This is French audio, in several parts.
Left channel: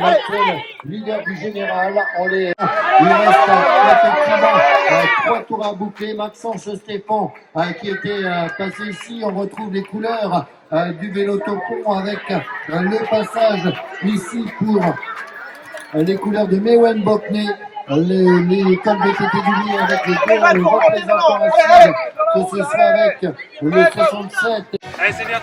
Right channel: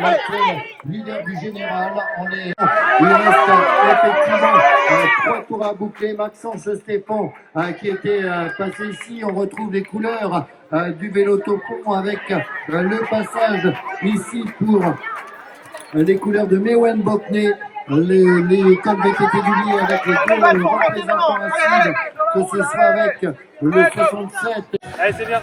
l'actuel leader du général. Il reste effectivement 3 tours à boucler. Maxence Stéphane qui était passé ici. On retrouve les couleurs du vélo topon avec le passage ici pour les couleurs de Mewen Bokne, les cols VTT du Lier avec les deux représentants assis, que ce soit avec le 67. Allez, c'est bien.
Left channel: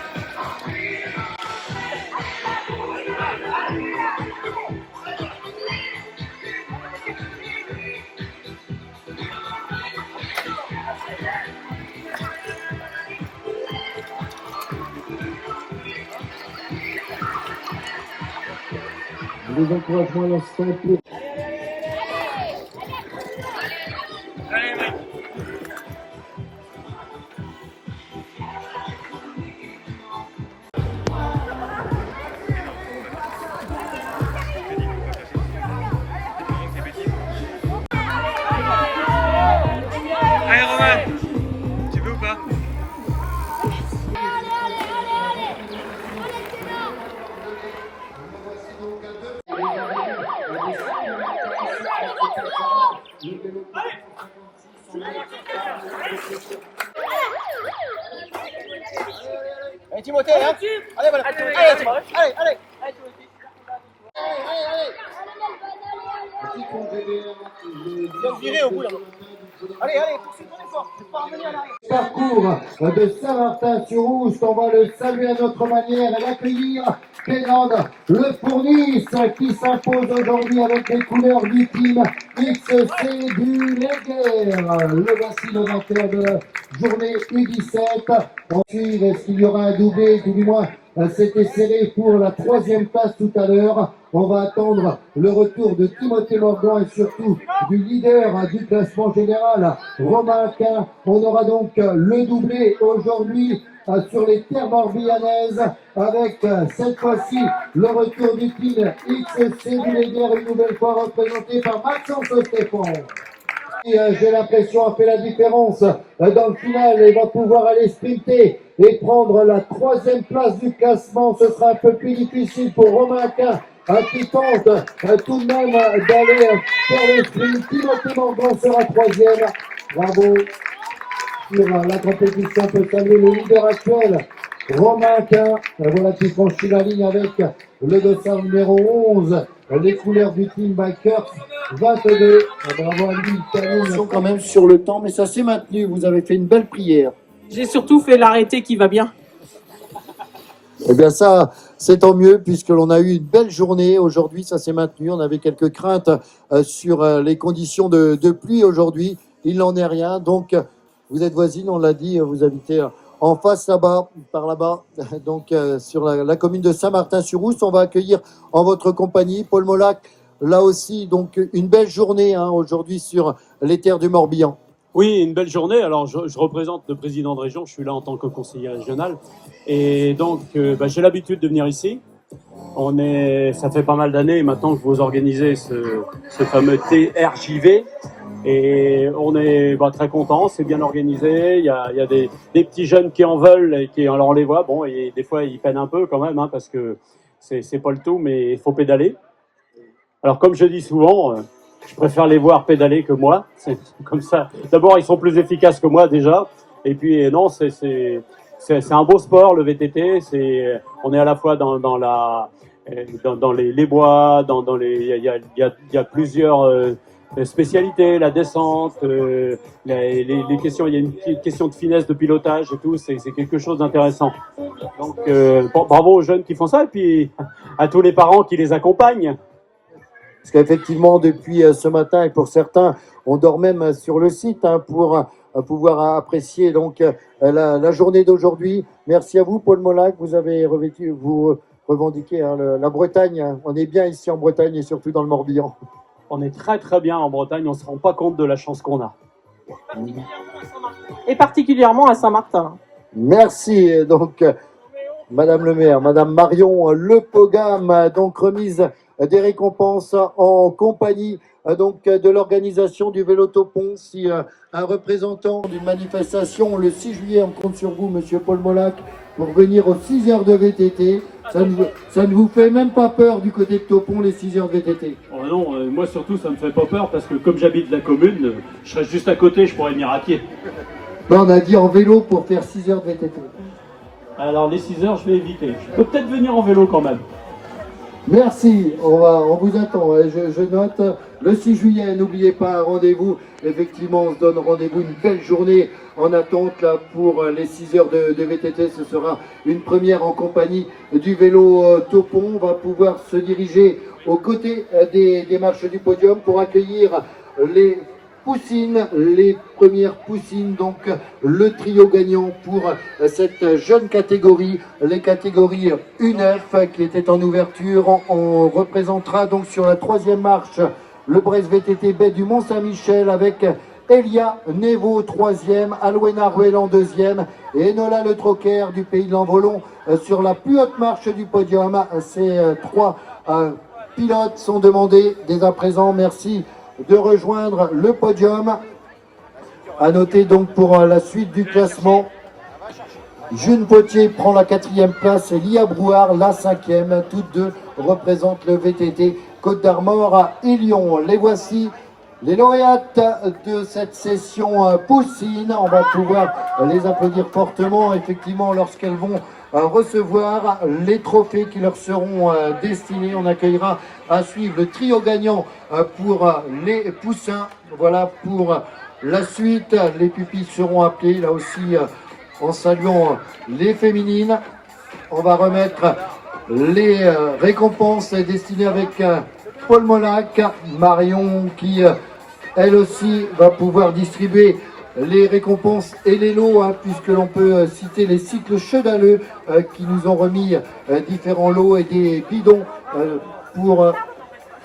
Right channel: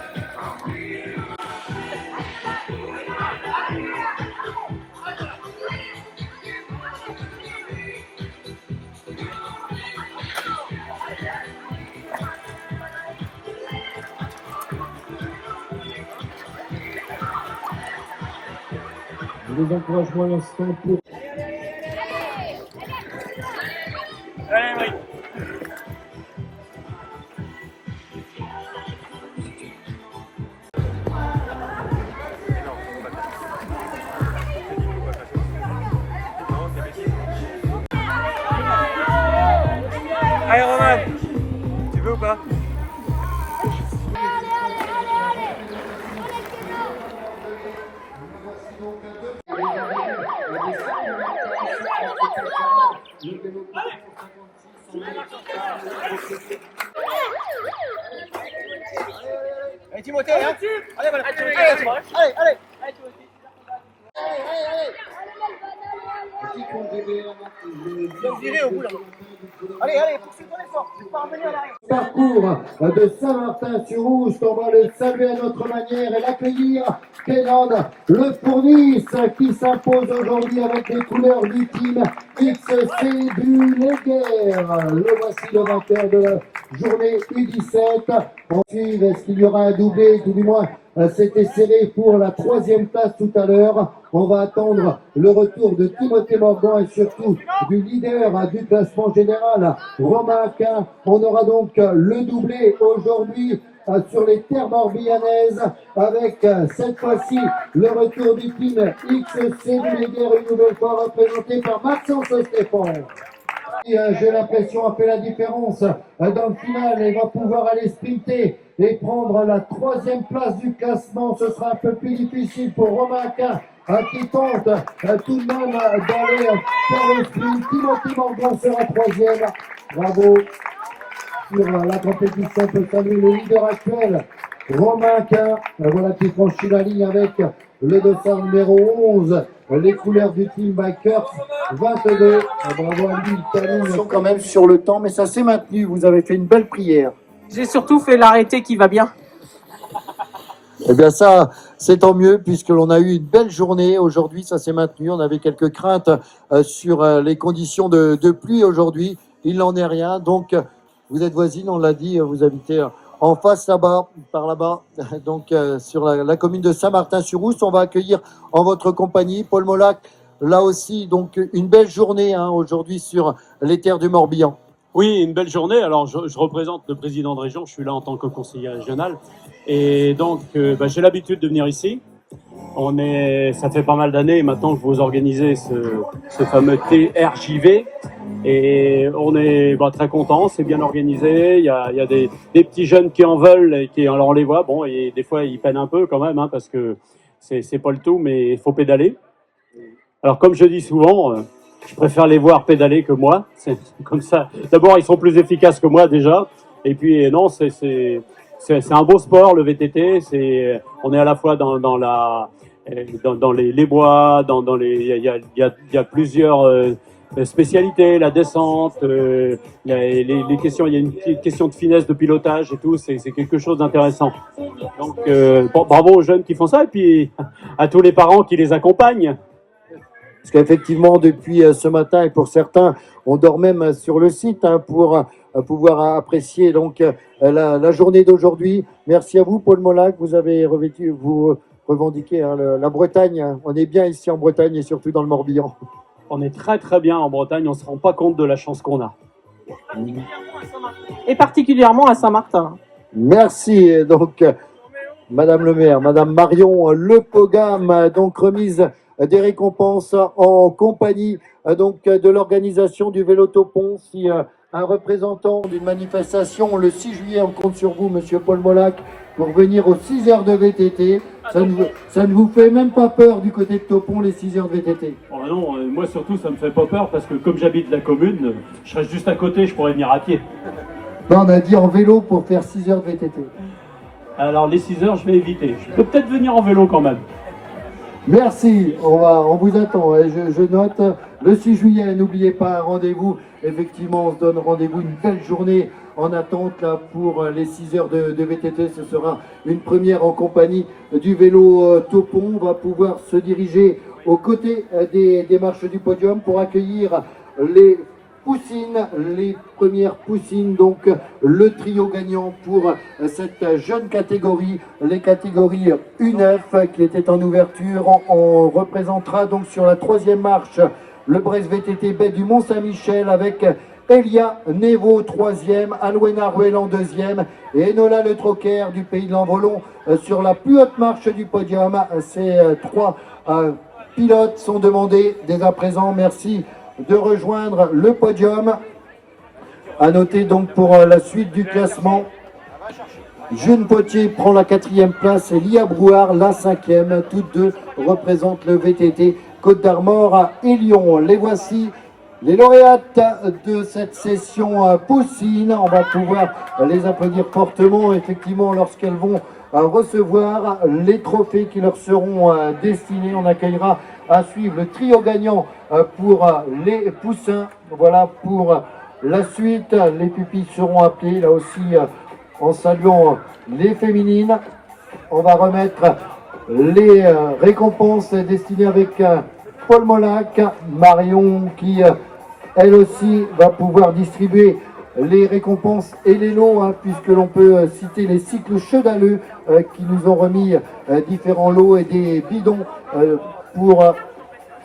Les encouragements à l'instant pour... Allez Romain, tu veux ou pas? Allez Timothée, hein. Allez, allez, allez, allez. Bien viré au bout là. Allez, allez, poursuis ton effort, tu peux pas revenir en arrière. Parcours de Saint-Martin-sur-Rouge, on va le saluer à notre manière et l'accueillir. Pénade, le Fournis qui s'impose aujourd'hui avec les couleurs du team XC du Léguer. Le voici le vainqueur de la journée U17. Ensuite, est-ce qu'il y aura un doublé, tout du moins c'était serré pour la 3e place tout à l'heure. On va attendre le retour de Timothée Morgan et surtout du leader du classement général, Romain Aquin. On aura donc le doublé aujourd'hui sur les terres morbihanaises avec cette fois-ci le retour du team XC du Léguer, une nouvelle fois représenté par Maxence Stéphane. J'ai l'impression a fait la différence dans le final et va pouvoir aller sprinter et prendre la 3e place du classement. Ce sera un peu plus difficile pour Romain Aquin qui tente tout de même d'aller faire le sprint. Timothée Morgan sera 3e. Bravo sur la compétition. On peut saluer le leader actuel, Romain Aquin, voilà qui franchit la ligne avec le dossard numéro 11, les couleurs du team Bikers 22. Bravo à lui, ils sont quand même sur le temps, mais ça s'est maintenu. Vous avez fait une belle prière. J'ai surtout fait l'arrêté qui va bien. Eh bien ça, c'est tant mieux puisque l'on a eu une belle journée aujourd'hui, ça s'est maintenu. On avait quelques craintes sur les conditions de pluie aujourd'hui. Il n'en est rien, donc vous êtes voisine, on l'a dit, vous habitez en face là-bas, par là-bas, donc sur la commune de Saint-Martin-sur-Rousse. On va accueillir en votre compagnie Paul Molac, là aussi, donc une belle journée aujourd'hui sur les terres du Morbihan. Oui, une belle journée. Alors, je représente le président de région, je suis là en tant que conseiller régional. Et donc, j'ai l'habitude de venir ici. Ça fait pas mal d'années maintenant que vous organisez ce fameux TRJV. Et on est très contents, c'est bien organisé. Il y a des petits jeunes qui en veulent et alors on les voit. Bon, et des fois, ils peinent un peu quand même, parce que c'est pas le tout, mais il faut pédaler. Alors, comme je dis souvent, je préfère les voir pédaler que moi. C'est comme ça. D'abord, ils sont plus efficaces que moi déjà. Et puis, non, c'est un beau sport, le VTT. On est à la fois dans les bois, il y a plusieurs spécialités, la descente, les questions. Il y a une question de finesse de pilotage et tout. C'est quelque chose d'intéressant. Donc, bravo aux jeunes qui font ça et puis à tous les parents qui les accompagnent. Parce qu'effectivement, depuis ce matin, et pour certains, on dort même sur le site pour pouvoir apprécier donc la journée d'aujourd'hui. Merci à vous, Paul Molac. Vous avez vous revendiquez la Bretagne. On est bien ici en Bretagne et surtout dans le Morbihan. On est très très bien en Bretagne. On ne se rend pas compte de la chance qu'on a. Et particulièrement à Saint-Martin. Merci. Donc, Madame le maire, Madame Marion Le Pogam, donc remise des récompenses en compagnie donc de l'organisation du Vélo Topon. Si un représentant d'une manifestation le 6 juillet, on compte sur vous, Monsieur Paul Molac, pour venir aux 6 heures de VTT. Ça ne vous fait même pas peur du côté de Topon, les 6 heures de VTT? Oh non, moi surtout ça me fait pas peur parce que comme j'habite la commune, je serais juste à côté, je pourrais venir à pied. Non, on a dit en vélo pour faire 6 heures de VTT. Alors les 6 heures, je vais éviter. Je peux peut-être venir en vélo quand même. Merci, on vous attend. Je note le 6 juillet, n'oubliez pas un rendez-vous. Effectivement, on se donne rendez-vous, une belle journée en attente là, pour les 6 heures de VTT. Ce sera une première en compagnie du vélo Topon. On va pouvoir se diriger aux côtés des marches du podium pour accueillir les poussines, les premières poussines, donc le trio gagnant pour cette jeune catégorie, les catégories U9 qui était en ouverture. On représentera donc sur la 3e marche le Brest VTT Baie du Mont-Saint-Michel avec Elia Nevo 3e, Alwena Ruelan 2e et Enola Le Troquer du Pays de l'Envolon sur la plus haute marche du podium. Ces 3 pilotes sont demandés dès à présent. Merci de rejoindre le podium. À noter donc pour la suite du classement, June Potier prend la 4e place et Lia Brouard la 5e. Toutes deux représentent le VTT Côte d'Armor et Lyon. Les voici, les lauréates de cette session poussine. On va pouvoir les applaudir fortement, effectivement, lorsqu'elles vont recevoir les trophées qui leur seront destinés. On accueillera à suivre le trio gagnant pour les poussins. Voilà pour la suite. Les pupilles seront appelées là aussi en saluant les féminines. On va remettre les récompenses destinées avec Paul Molac, Marion qui elle aussi va pouvoir distribuer les récompenses et les lots, hein, puisque l'on peut citer les cycles Chedaleux qui nous ont remis différents lots et des bidons pour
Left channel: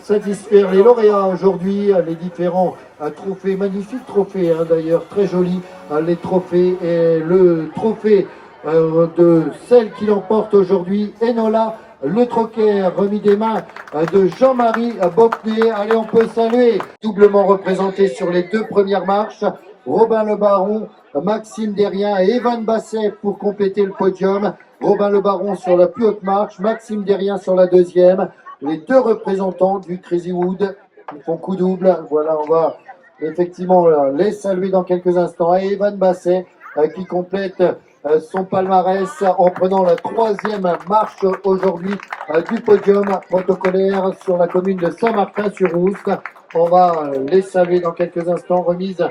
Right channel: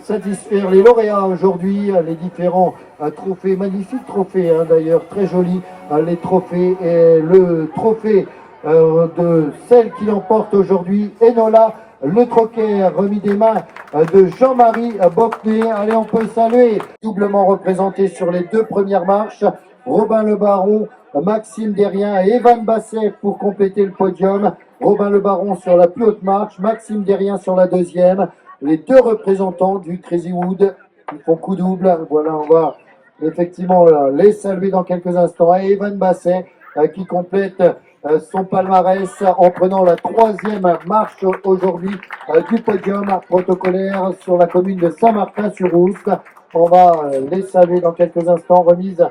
satisfaire les lauréats aujourd'hui, les différents trophées, magnifiques trophées d'ailleurs, très jolis, les trophées et le trophée de celle qui l'emporte aujourd'hui, Enola Le Troquer, remis des mains de Jean-Marie Bocnet. Allez, on peut saluer, doublement représenté sur les 2 premières marches, Robin Le Baron, Maxime Derrien et Evan Basset pour compléter le podium. Robin Le Baron sur la plus haute marche, Maxime Derrien sur la 2e. Les 2 représentants du Crazy Wood qui font coup double. Voilà, on va effectivement les saluer dans quelques instants. Et Evan Basset qui complète son palmarès en prenant la 3e marche aujourd'hui du podium protocolaire sur la commune de Saint-Martin-sur-Oust. On va les saluer dans quelques instants. Remise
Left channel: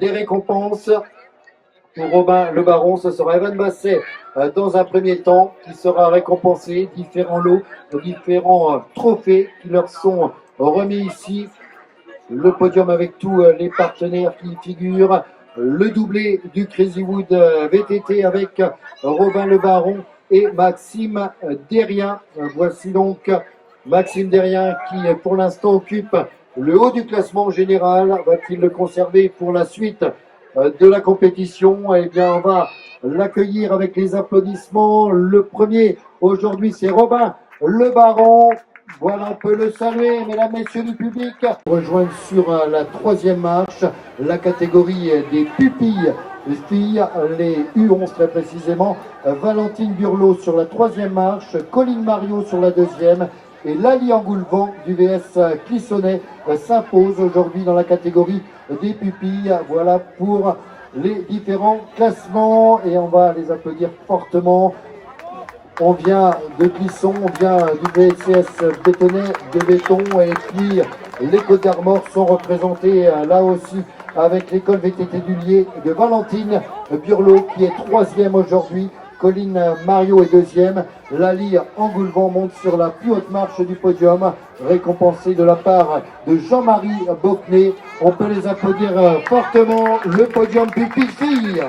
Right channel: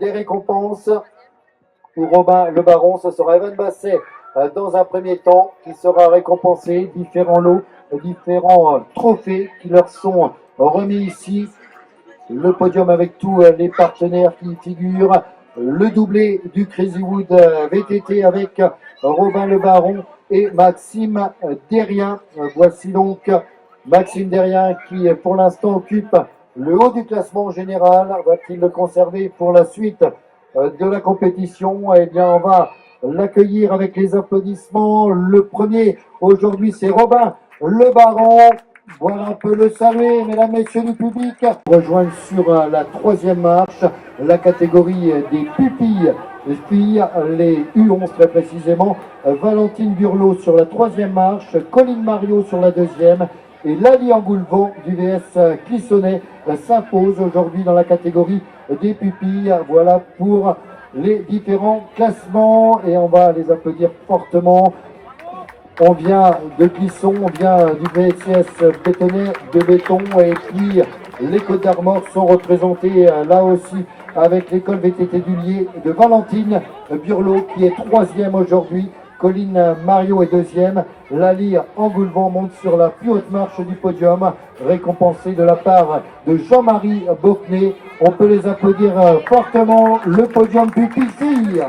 des récompenses pour Robin Le Baron. Ce sera Evan Basset dans un premier temps qui sera récompensé. Différents lots, différents trophées qui leur sont remis ici. Le podium avec tous les partenaires qui y figurent. Le doublé du Crazy Wood VTT avec Robin Le Baron et Maxime Derrien. Voici donc Maxime Derrien qui pour l'instant occupe le haut du classement général. Va-t-il le conserver pour la suite de la compétition? Eh bien, on va l'accueillir avec les applaudissements. Le premier aujourd'hui, c'est Robin Le Baron. Voilà, on peut le saluer, mesdames, messieurs du public. Rejoindre sur la 3e marche la catégorie des pupilles, les filles, les U11 très précisément. Valentine Burlot sur la 3e marche, Colline Mario sur la 2e et Lali Angoulevent du VS Clissonnet s'impose aujourd'hui dans la catégorie des pupilles. Voilà pour les différents classements et on va les applaudir fortement. On vient de Clisson, on vient du VCS Bétonnet de béton et puis les Côtes d'Armor sont représentées là aussi avec l'école VTT du Lier de Valentine Burlot qui est 3e aujourd'hui. Colline Mario est 2e. Lali Angoulevent monte sur la plus haute marche du podium, récompensé de la part de Jean-Marie Bocnet. On peut les applaudir fortement. Le podium pupille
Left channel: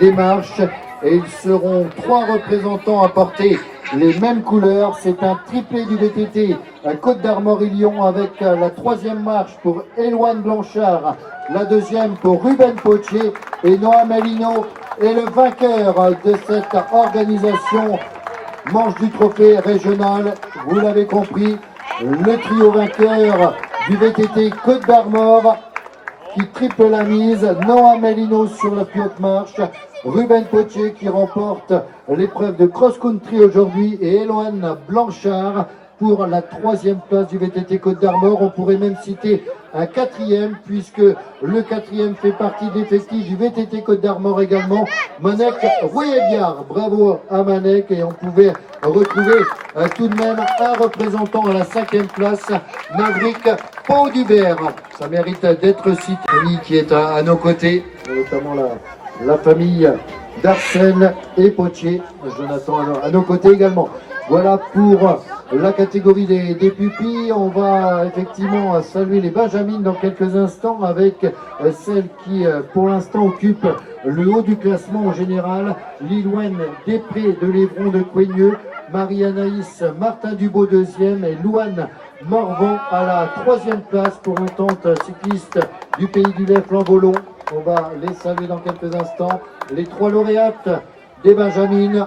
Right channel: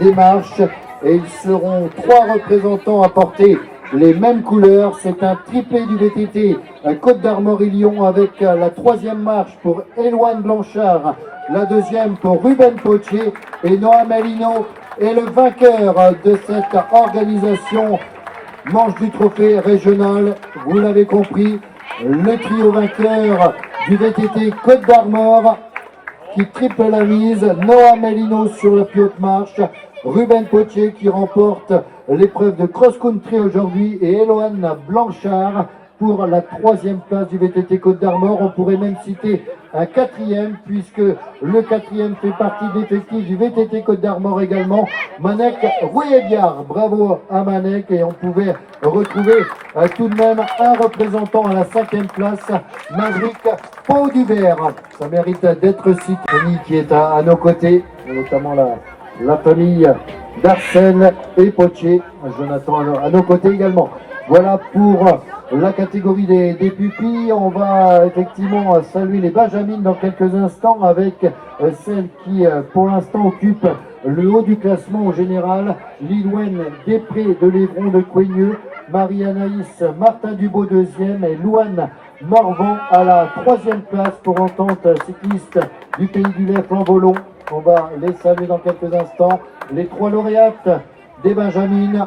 les marches. Et ils seront 3 représentants à porter les mêmes couleurs. C'est un triplé du VTT Côte d'Armor et Lyon avec la 3e marche pour Éloine Blanchard, la 2e pour Ruben Potier et Noah Melino. Et le vainqueur de cette organisation manche du trophée régional, vous l'avez compris, le trio vainqueur du VTT Côte d'Armor qui triple la mise, Noah Melino sur la plus haute marche, Ruben Potier qui remporte l'épreuve de cross-country aujourd'hui et Eloane Blanchard pour la 3e place du VTT Côte d'Armor. On pourrait même citer un 4e puisque le 4e fait partie de l'effectif du VTT Côte d'Armor également. Manek Rouillet-Biard, bravo à Manek, et on pouvait retrouver tout de même un représentant à la 5e place, Maverick Pau-Dubert. Ça mérite d'être cité. Famille qui est à nos côtés, notamment la famille d'Arsène et Potier, Jonathan à nos côtés également. Voilà pour la catégorie des pupilles. On va effectivement saluer les Benjamines dans quelques instants avec celle qui pour l'instant occupe le haut du classement au général, Lilouane Després de l'Évron de Coigneux, Marie-Anaïs Martin Dubo 2e et Louane Morvan à la 3e place pour entente cycliste du Pays du Lait Flamvolon. On va les saluer dans quelques instants. Les 3 lauréates des Benjamines,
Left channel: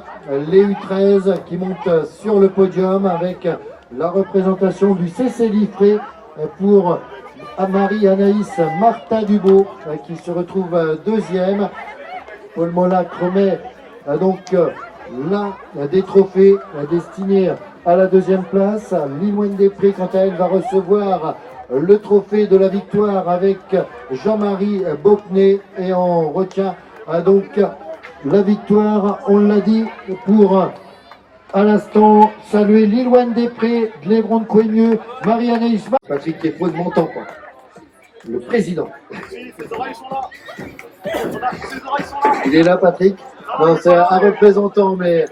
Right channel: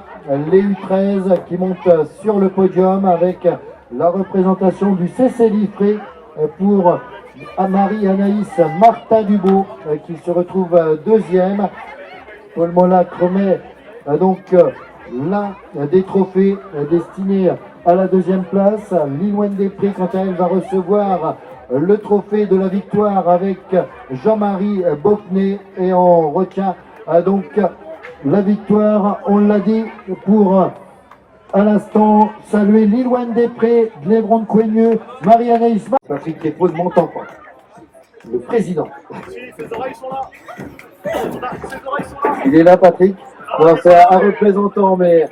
les U13 qui montent sur le podium avec la représentation du CC Liffré pour Marie-Anaïs Martin Dubo qui se retrouve 2e. Paul Molac remet donc l'un des trophées destinés à la 2e place. Lilouane Després, quant à elle, va recevoir le trophée de la victoire avec Jean-Marie Bocnet, et on retient donc la victoire, on l'a dit, pour à l'instant saluer Lilouane Després de l'Évron de Coigneux, Marie-Anaïs Patrick Kéfos de Montampin, le président. Ses oreilles sont là. Ses oreilles sont là. Il est là, Patrick. Non, c'est un représentant, mais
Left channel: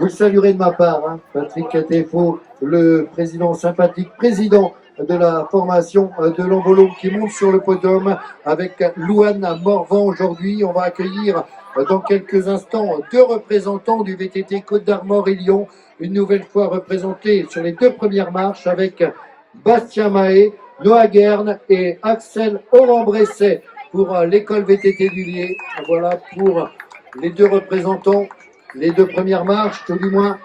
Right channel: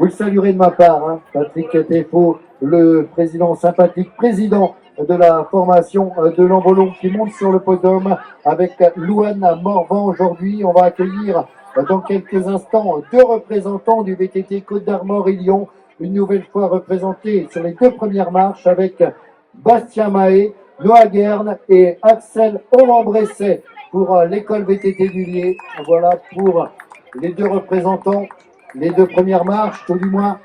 vous le saluerez de ma part, hein. Patrick Kéfos, le président sympathique, président de la formation de l'Envolon qui monte sur le podium avec Louane Morvan aujourd'hui. On va accueillir dans quelques instants 2 représentants du VTT Côte d'Armor et Lyon, une nouvelle fois représentés sur les 2 premières marches avec Bastien Mahé, Noah Guerne et Axel Hollande-Bresset pour l'école VTT du Lier. Voilà pour les 2 représentants, les 2 premières marches, tout du moins.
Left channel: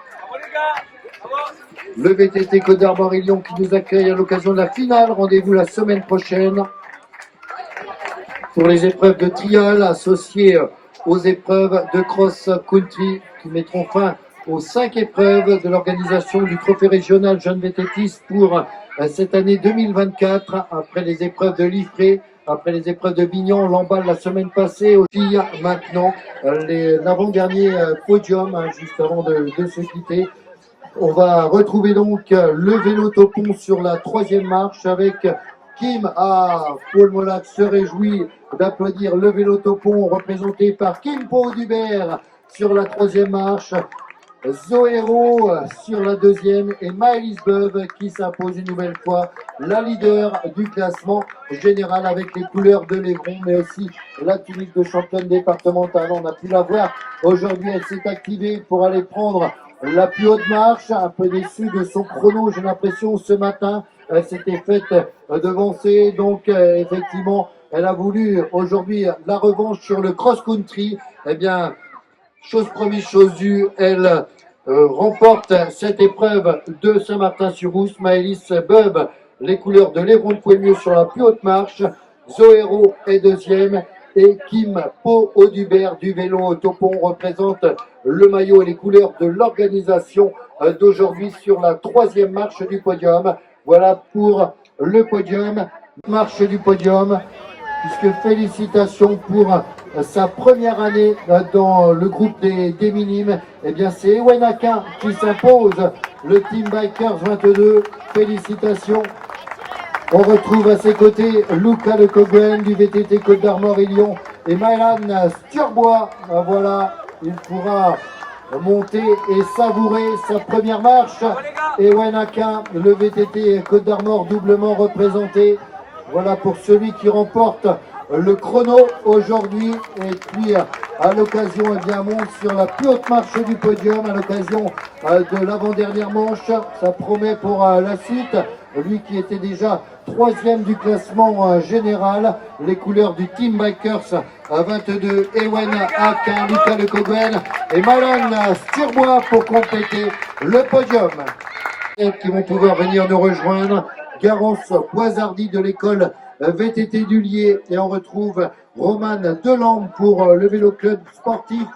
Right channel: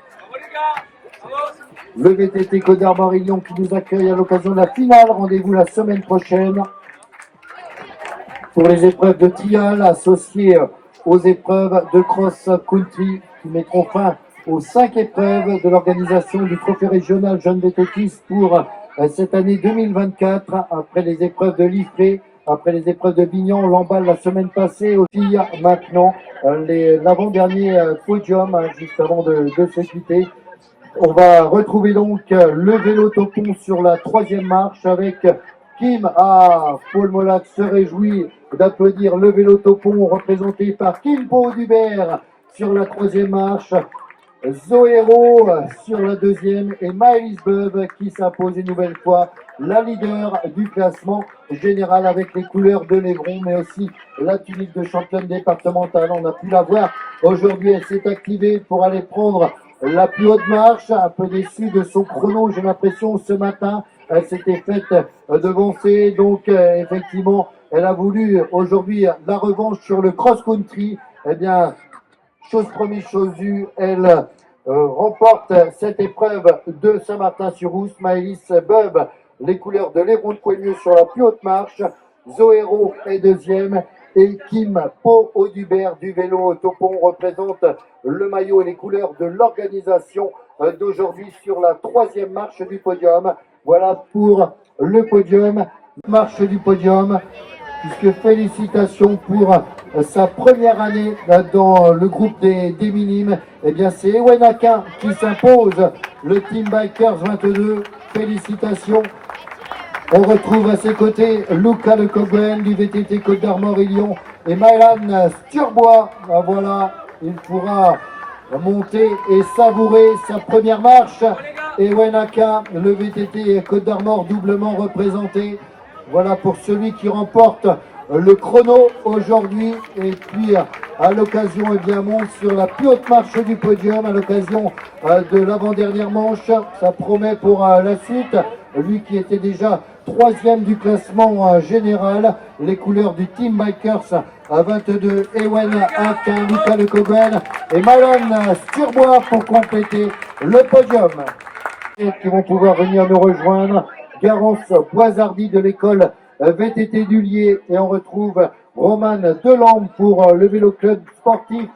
Le VTT Côte d'Armor et Lyon qui nous accueille à l'occasion de la finale. Rendez-vous la semaine prochaine pour les épreuves de trial associées aux épreuves de cross-country qui mettront fin aux 5 épreuves de l'organisation du trophée régional Jeune VTTiste pour cette année 2024. Après les épreuves de Liffré, après les épreuves de Bignon, Lamballe la semaine passée, aussi maintenant l'avant-dernier podium juste avant de se quitter. On va retrouver donc le vélo topon sur la 3e marche avec Kim. Paul Molac se réjouit d'applaudir le vélo topon représenté par Kim Pau-Dubert sur la 3e marche, Zoéro sur la 2e et Maëlys Beuve qui s'impose une nouvelle fois la leader du classement général avec les couleurs de l'Évron, mais aussi la tunique de championne départementale. On a pu la voir aujourd'hui, elle s'est activée pour aller prendre la plus haute marche, un peu déçue de son chrono, j'ai l'impression, ce matin. Elle s'était faite devancer, donc effectivement, elle a voulu aujourd'hui la revanche sur le cross-country. Eh bien, chose promise, chose due, elle remporte cette épreuve de Saint-Martin-sur-Rousse. Maëlys Beuve, les couleurs de l'Évron de Coigneux sur la plus haute marche. Zoéro est 2e. Et Kim Pau-Dubert du vélo topon représente le maillot et les couleurs de l'organisation d'aujourd'hui sur la 3e marche du podium. Voilà pour le podium, marche du podium, puisque félicitations pour sa première année dans le groupe des minimes. Eh bien, c'est Ewenaka qui s'impose, le Team Bikers 22. Félicitations. On retrouve à ses côtés Luca Lecoguen du VTT Côte d'Armor et Lyon et Mylan Sturbois. Voilà, il pourra monter et savourer sa première marche. Et Wenaka, le VTT Côte d'Armor doublement représenté. Voilà pour celui qui remporte le chrono aujourd'hui. Et puis à l'occasion, eh bien, monte sur la plus haute marche du podium à l'occasion de l'avant-dernière manche. Ça promet pour la suite. Lui qui était déjà 3e du classement général, les couleurs du Team Bikers à 22, Ewen Hack, Luca Lecoguen et Mylan Sturbois pour compléter le podium. Qui vont pouvoir venir nous rejoindre, Garance Boisardi de l'école VTT du Lier, et on retrouve Roman Delambre pour le vélo club sportif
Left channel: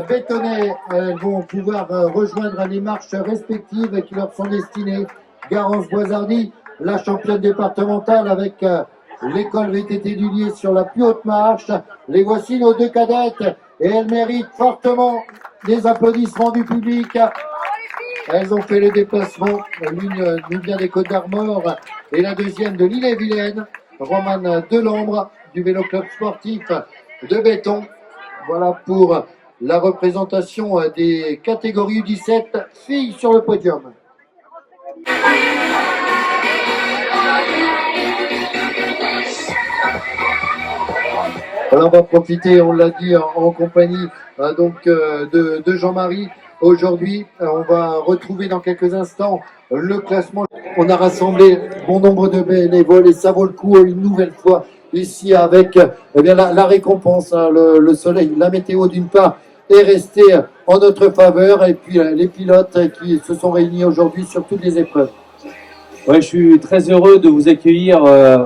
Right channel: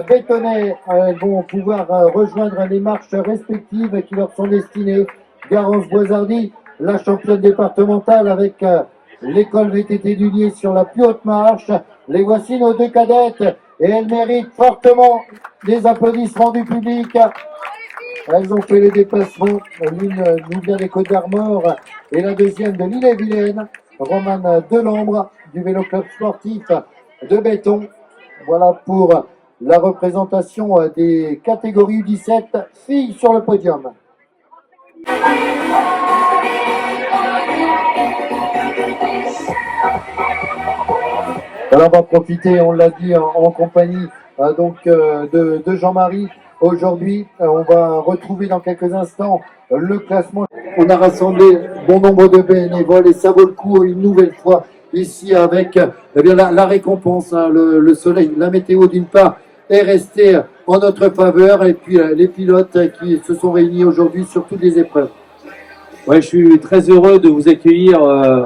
Bétonnet. Elles vont pouvoir rejoindre les marches respectives qui leur sont destinées. Garance Boisardy, la championne départementale avec l'école VTT du Lier sur la plus haute marche. Les voici nos deux cadettes et elles méritent fortement des applaudissements du public. Elles ont fait le déplacement. L'une nous vient des Côtes d'Armor et la deuxième de l'Ille-et-Vilaine. Romane Delambre du vélo club sportif de Béton. Voilà pour la représentation des catégories U17 filles sur le podium. Alors on va profiter, on l'a dit, en compagnie de Jean-Marie. Aujourd'hui, on va retrouver dans quelques instants le classement. On a rassemblé bon nombre de bénévoles et ça vaut le coup une nouvelle fois ici avec la récompense, hein, le soleil, la météo d'une part est restée en notre faveur et puis les pilotes qui se sont réunis aujourd'hui sur toutes les épreuves. Ouais, je suis très heureux de vous accueillir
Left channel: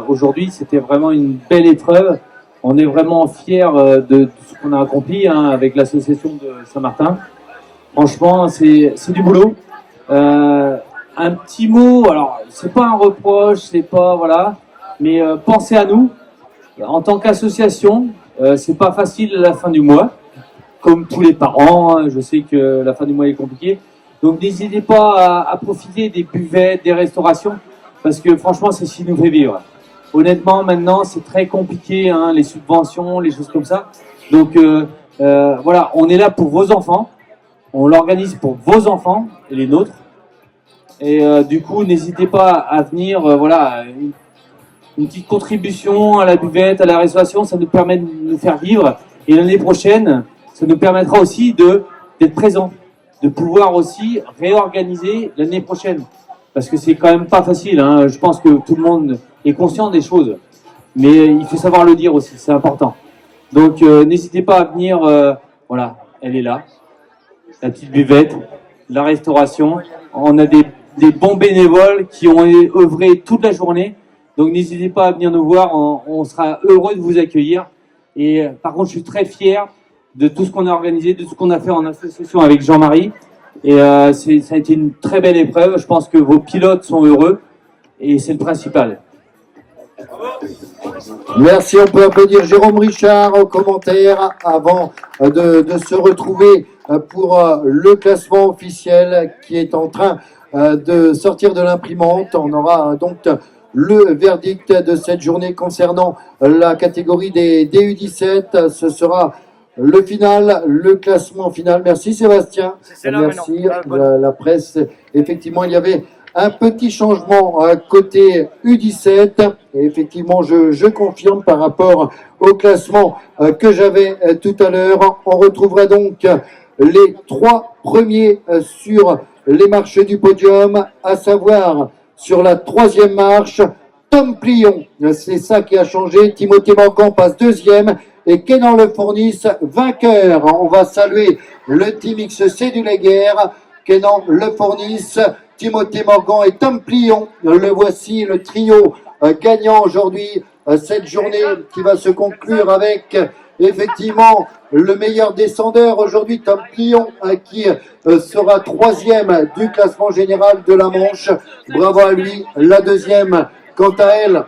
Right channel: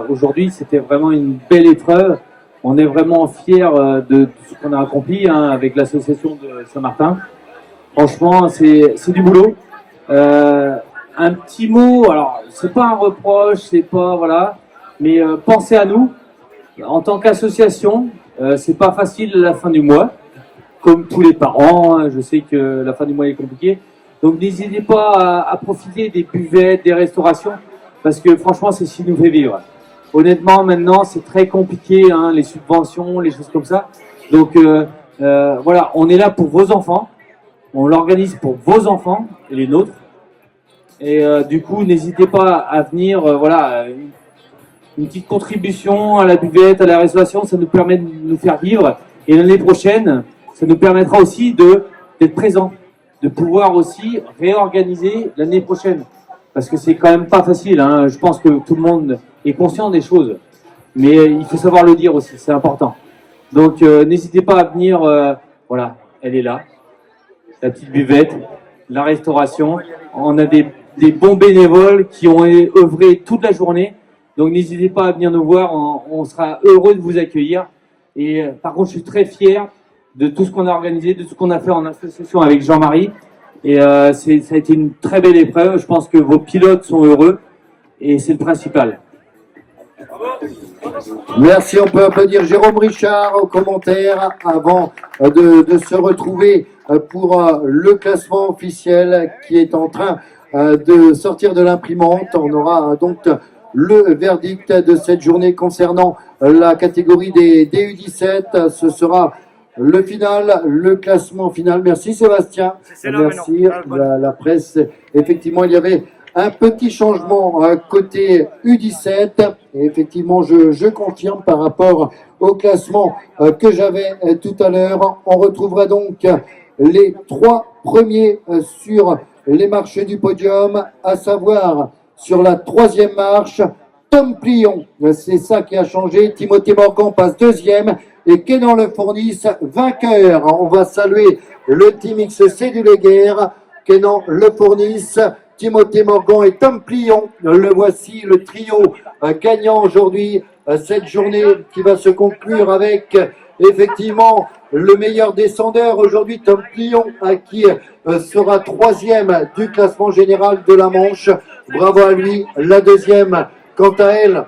aujourd'hui. C'était vraiment une belle épreuve. On est vraiment fiers de ce qu'on a accompli avec l'association de Saint-Martin. Franchement, c'est du boulot. Un petit mot, alors c'est pas un reproche, c'est pas voilà, mais pensez à nous. En tant qu'association, c'est pas facile la fin du mois, comme tous les parents. Je sais que la fin du mois est compliquée. Donc n'hésitez pas à profiter des buvettes, des restaurations, parce que franchement, c'est ce qui nous fait vivre. Honnêtement, maintenant, c'est très compliqué, hein, les subventions, les choses comme ça. Donc voilà, on est là pour vos enfants. On l'organise pour vos enfants et les nôtres. Et du coup, n'hésitez pas à venir, voilà, une petite contribution à la buvette, à la restauration, ça nous permet de nous faire vivre. Et l'année prochaine, ça nous permettra aussi d'être présents, de pouvoir aussi réorganiser l'année prochaine. Parce que c'est quand même pas facile, hein. Je pense que tout le monde est conscient des choses. Mais il faut savoir le dire aussi, c'est important. Donc n'hésitez pas à venir, voilà, elle est là. La petite buvette, la restauration. On a des bons bénévoles qui ont œuvré toute la journée. Donc n'hésitez pas à venir nous voir, on sera heureux de vous accueillir. Et par contre, je suis très fier de tout ce qu'on a organisé, de tout ce qu'on a fait en association avec Jean-Marie. Et ça a été une très belle épreuve. Je pense que vos pilotes sont heureux et c'est le principal. Merci, on peut applaudir Jérôme Richard au commentaire avant de se retrouver pour le classement officiel qui est en train de sortir de l'imprimante. On aura donc le verdict de cette journée concernant la catégorie des U17. Ce sera le final, le classement final. Merci Sébastien. Merci la presse. Effectivement, il y avait un petit changement côté U17. Et effectivement, je confirme par rapport au classement que j'avais tout à l'heure. On retrouvera donc les 3 premiers sur les marches du podium, à savoir sur la 3e marche, Tom Plion. C'est ça qui a changé. Timothée Morgan passe 2e et Kenan Le Fournis vainqueur. On va saluer le team XC du Léguerre, Kenan Le Fournis, Timothée Morgan et Tom Plion. Le voici, le trio gagnant aujourd'hui cette journée qui va se conclure avec effectivement le meilleur descendeur aujourd'hui, Tom Plion, qui sera 3e du classement général de la Manche. Bravo à lui. La 2e, quant à elle,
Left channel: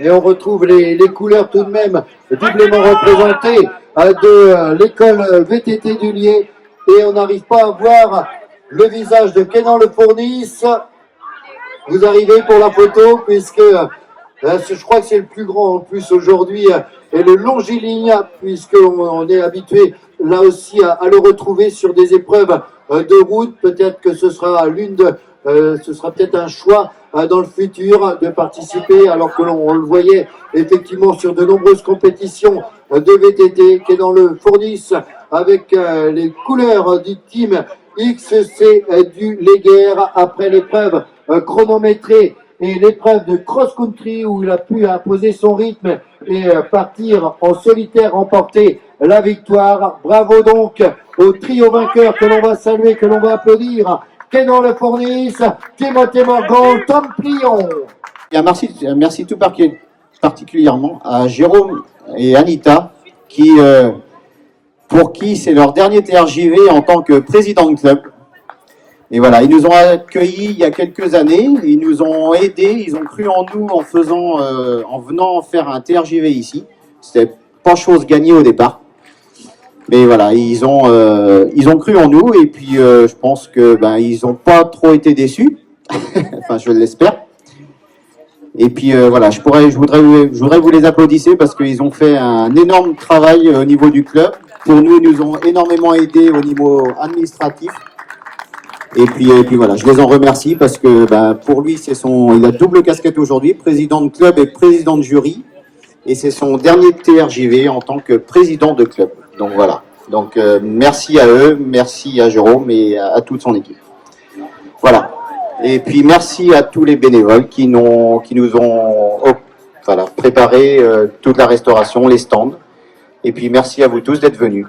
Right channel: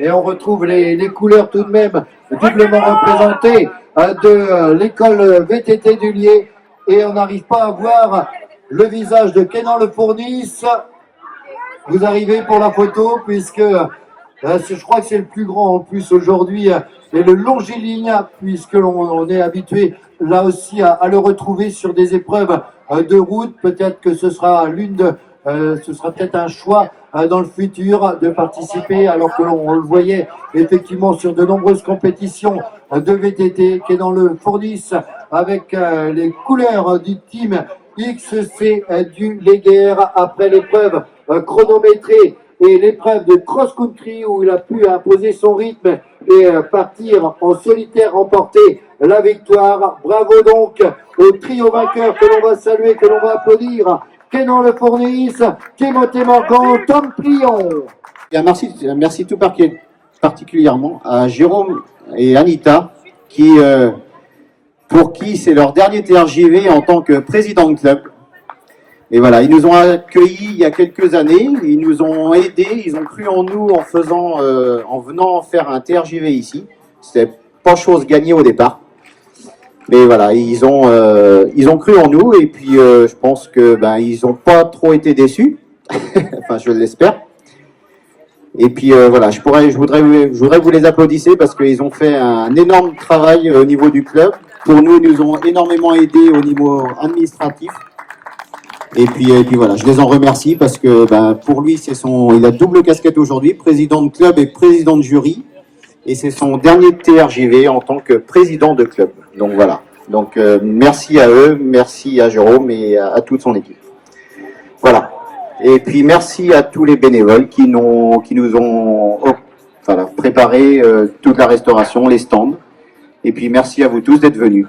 et on retrouve les couleurs tout de même doublement représentées de l'école VTT du Lier, et on n'arrive pas à voir le visage de Kenan Le Fournis. Vous arrivez pour la photo, puisque je crois que c'est le plus grand en plus aujourd'hui, et le longiligne, puisqu'on est habitué là aussi à le retrouver sur des épreuves de route. Peut-être que ce sera ce sera peut-être un choix dans le futur de participer, alors que l'on le voyait effectivement sur de nombreuses compétitions de VTT, Kenan Le Fournis avec les couleurs du team XC du Léguerre après l'épreuve chronométrée et l'épreuve de cross-country où il a pu imposer son rythme et partir en solitaire remporter la victoire. Bravo donc au trio vainqueur que l'on va saluer, que l'on va applaudir. Kenan Le Fournis, Timothée Morgan, Tom Plion. Et merci tout particulièrement à Jérôme et Anita qui pour qui c'est leur dernier TRJV en tant que président de club. Et voilà, ils nous ont accueillis il y a quelques années, ils nous ont aidés, ils ont cru en nous en venant faire un TRJV ici. C'était pas chose gagnée au départ. Mais voilà, ils ont cru en nous et puis je pense que ils n'ont pas trop été déçus. Enfin, je l'espère. Et puis voilà, je voudrais vous les applaudir parce qu'ils ont fait un énorme travail au niveau du club. Pour nous, ils nous ont énormément aidés au niveau administratif. Et puis voilà, je les en remercie parce que pour lui, il a double casquette aujourd'hui, président de club et président de jury. Et c'est son dernier TRJV en tant que président de club. Donc voilà. Donc merci à eux, merci à Jérôme et à toute son équipe. Voilà. Et puis merci à tous les bénévoles qui nous ont préparé toute la restauration, les stands. Et puis merci à vous tous d'être venus.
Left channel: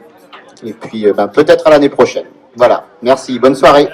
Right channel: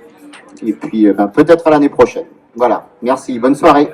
Et puis peut-être à l'année prochaine. Voilà. Merci. Bonne soirée.